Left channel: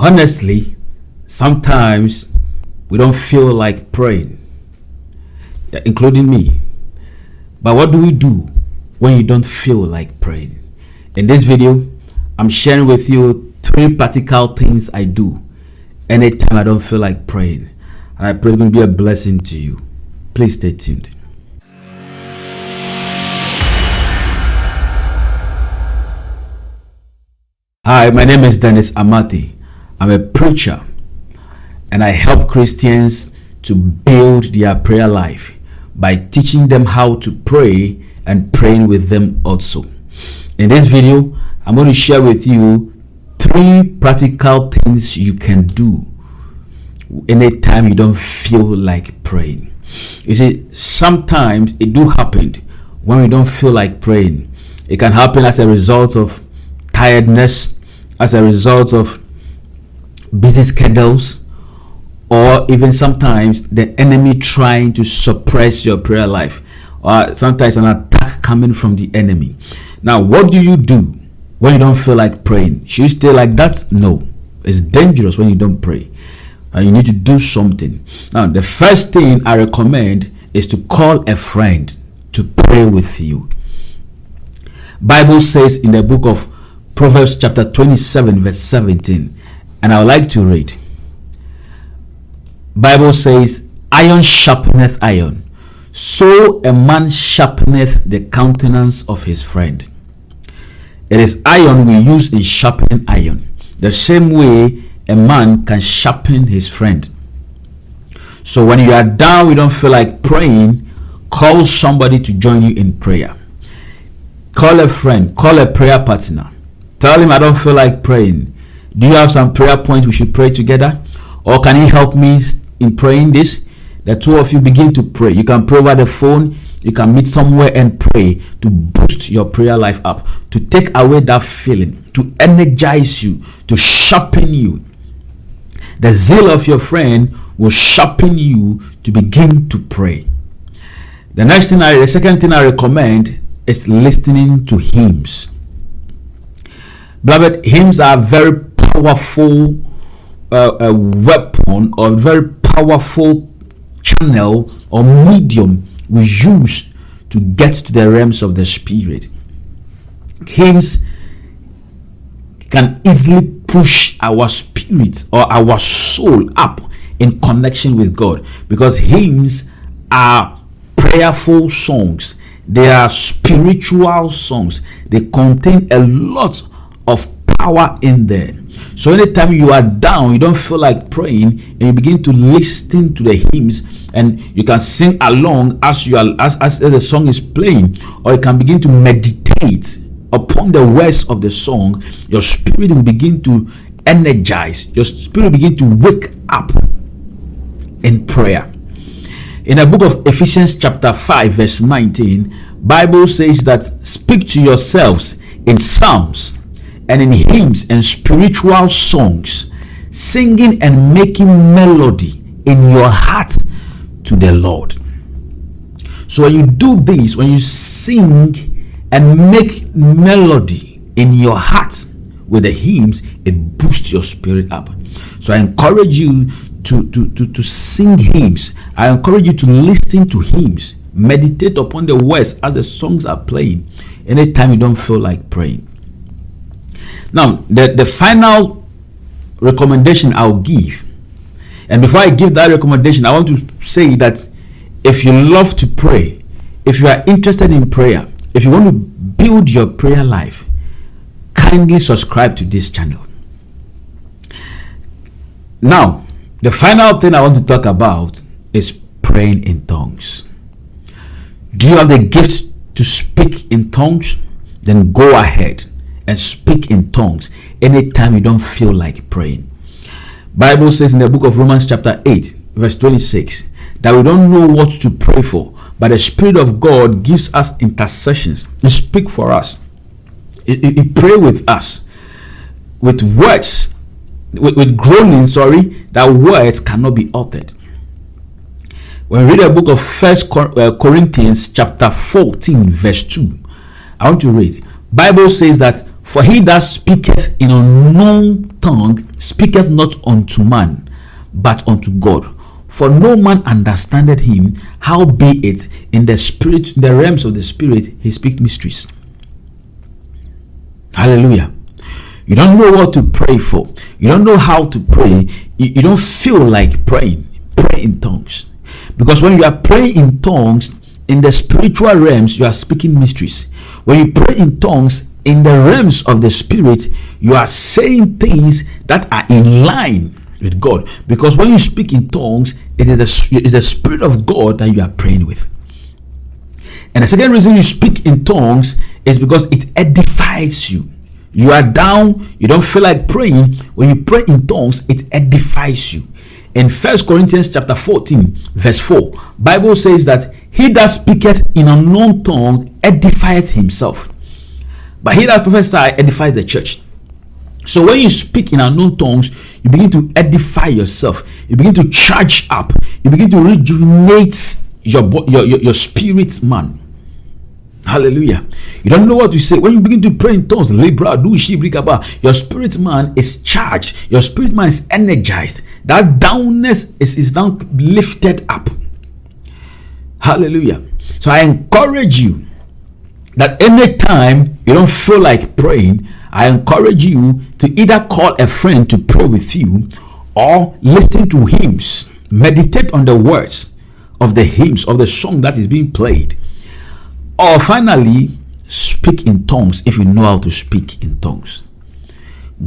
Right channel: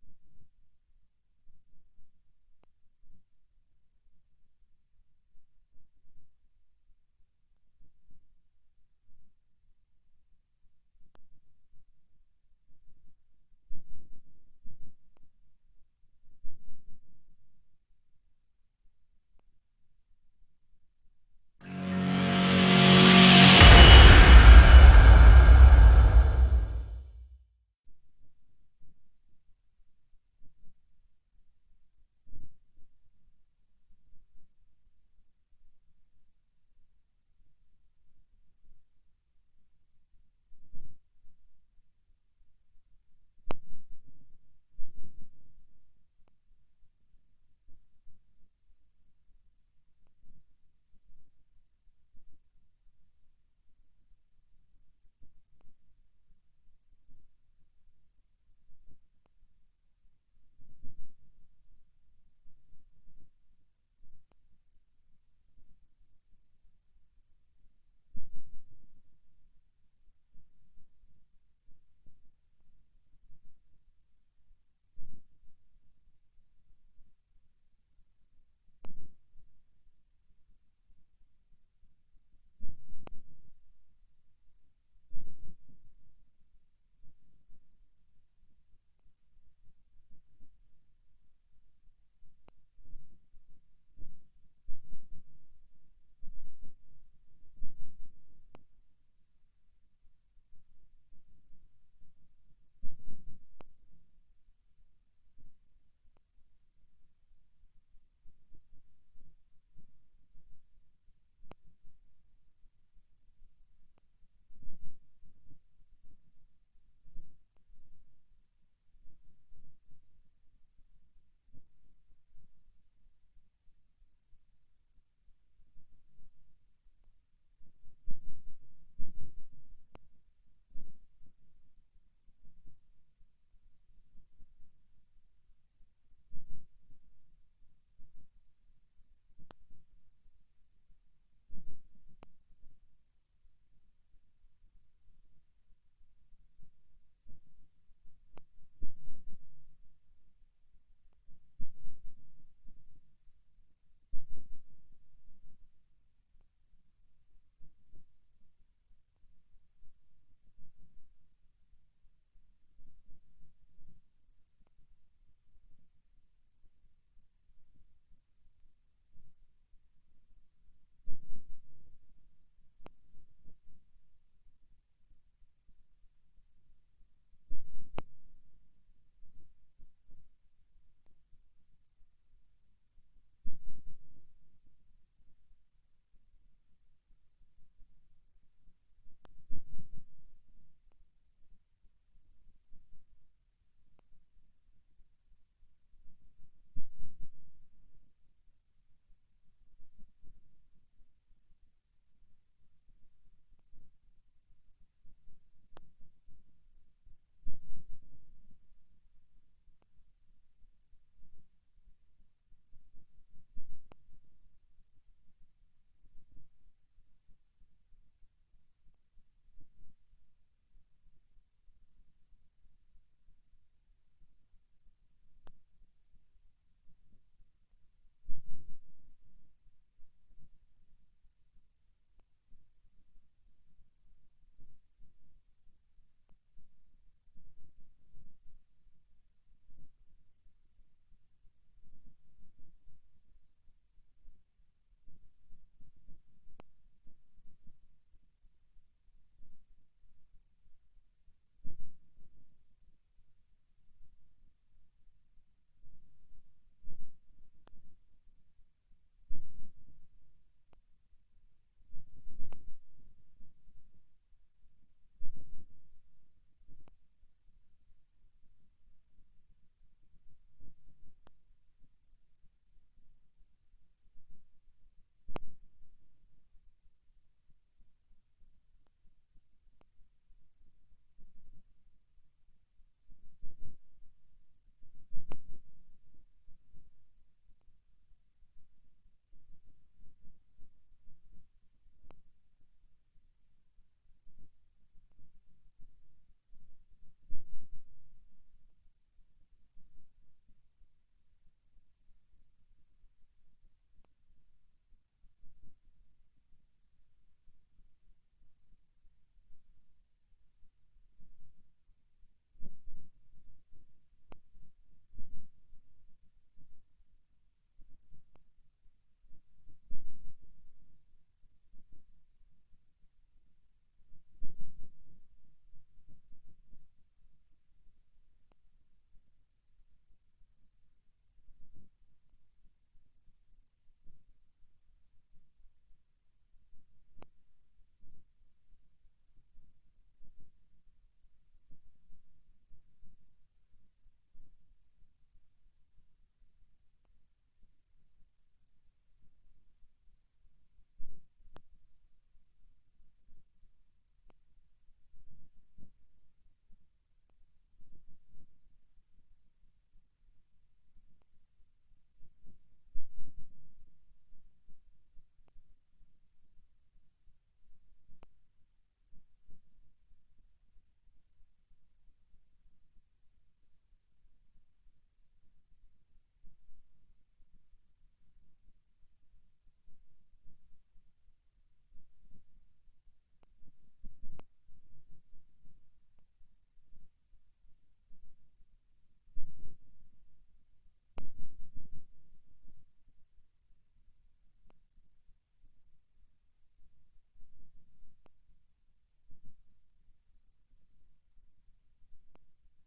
Honestly, sometimes we don't feel like praying, including me. But what do we do when you don't feel like praying? In this video, I'm sharing with you 3 practical things I do anytime I don't feel like praying. And I pray it's going to be a blessing to you. Please stay tuned. Hi, my name is Dennis Amartey. I'm a preacher and I help Christians to build their prayer life by teaching them how to pray and praying with them also. In this video, I'm going to share with you 3 practical things you can do anytime you don't feel like praying. You see, sometimes it do happen when we don't feel like praying. It can happen as a result of tiredness, as a result of busy schedules, or even sometimes the enemy trying to suppress your prayer life, or sometimes an attack coming from the enemy. Now, what do you do when you don't feel like praying? Should you stay like that? No, it's dangerous when you don't pray. You need to do something. Now, the first thing I recommend is to call a friend to pray with you. Bible says in the book of Proverbs chapter 27 verse 17, and I would like to read. Bible says, iron sharpeneth iron, so a man sharpeneth the countenance of his friend. It is iron we use in sharpening iron, the same way a man can sharpen his friend. So when you are down, you don't feel like praying, call somebody to join you in prayer. Call a friend, call a prayer partner. Tell him, I don't feel like praying. Do you have some prayer points we should pray together? Or can you help me in praying this? The two of you begin to pray. You can pray over the phone. You can meet somewhere and pray to boost your prayer life up, to take away that feeling, to energize you, to sharpen you. The zeal of your friend will sharpen you to begin to pray. The second thing I recommend is listening to hymns. Beloved, hymns are a very powerful weapon, or very powerful channel or medium we use to get to the realms of the spirit. Hymns can easily push our spirit or our soul up in connection with God, because hymns are prayerful songs. They are spiritual songs. They contain a lot of power in there. So anytime you are down, you don't feel like praying, and you begin to listen to the hymns, and you can sing along as the song is playing, or you can begin to meditate upon the words of the song. Your spirit will begin to energize. Your spirit will begin to wake up in prayer. In the book of Ephesians chapter 5 verse 19, Bible says that speak to yourselves in psalms and in hymns and spiritual songs, singing and making melody in your heart to the Lord. So when you do this, when you sing and make melody in your heart with the hymns, it boosts your spirit up. So I encourage you to sing hymns. I encourage you to listen to hymns. Meditate upon the words as the songs are playing anytime you don't feel like praying. Now, the final recommendation I'll give, and before I give that recommendation, I want to say that if you love to pray, if you are interested in prayer, if you want to build your prayer life, kindly subscribe to this channel. Now, the final thing I want to talk about is praying in tongues. Do you have the gift to speak in tongues? Then go ahead and speak in tongues anytime you don't feel like praying. Bible says in the book of Romans chapter 8 verse 26 that we don't know what to pray for, but the Spirit of God gives us intercessions. He speak for us. He pray with us with words, with groaning, that words cannot be uttered. When we read the book of First Corinthians chapter 14 verse 2, I want to read. Bible says that For he that speaketh in unknown tongue speaketh not unto man, but unto God. For no man understandeth him, howbeit in the spirit, in the realms of the spirit, he speak mysteries. Hallelujah. You don't know what to pray for. You don't know how to pray. You don't feel like praying. Pray in tongues. Because when you are praying in tongues, in the spiritual realms, you are speaking mysteries. When you pray in tongues, in the realms of the spirit, you are saying things that are in line with God. Because when you speak in tongues, it is the Spirit of God that you are praying with. And the second reason you speak in tongues is because it edifies you. You are down, you don't feel like praying. When you pray in tongues, it edifies you. In 1 Corinthians chapter 14, verse 4, Bible says that he that speaketh in unknown tongue edifieth himself, but he that prophesieth edifieth the church. So when you speak in unknown tongues, you begin to edify yourself. You begin to charge up. You begin to rejuvenate your spirit, man. Hallelujah. You don't know what to say. When you begin to pray in tongues, your spirit man is charged. Your spirit man is energized. That downness is now lifted up. Hallelujah. So I encourage you that anytime you don't feel like praying, I encourage you to either call a friend to pray with you or listen to hymns. Meditate on the words of the hymns, of the song that is being played. Or finally, speak in tongues if you know how to speak in tongues.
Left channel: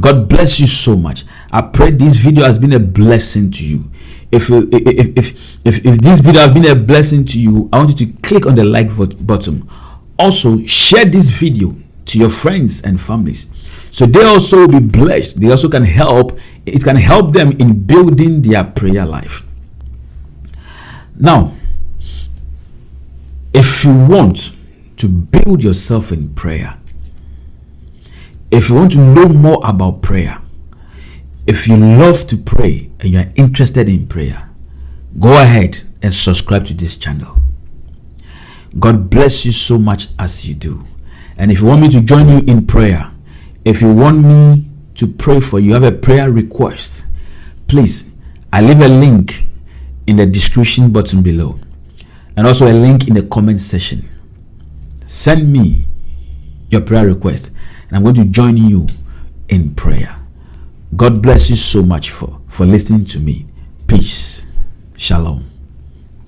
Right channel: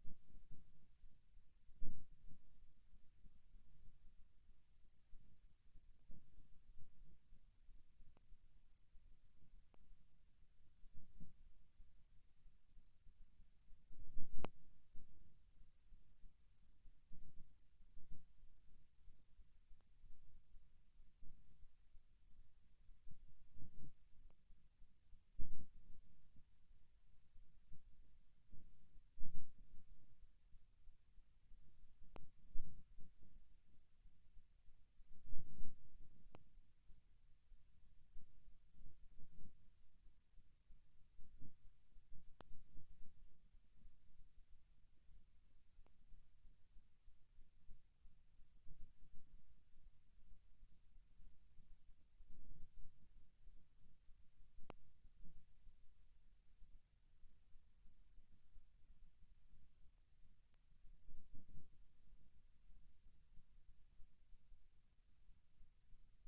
God bless you so much. I pray this video has been a blessing to you. If this video has been a blessing to you, I want you to click on the like button. Also, share this video to your friends and families, so they also will be blessed. They also can help. It can help them in building their prayer life. Now, if you want to build yourself in prayer, if you want to know more about prayer, if you love to pray and you are interested in prayer, go ahead and subscribe to this channel. God bless you so much as you do. And if you want me to join you in prayer, if you want me to pray for you, have a prayer request, please, I leave a link in the description button below, and also a link in the comment section. Send me your prayer request, and I'm going to join you in prayer. God bless you so much for listening to me. Peace. Shalom.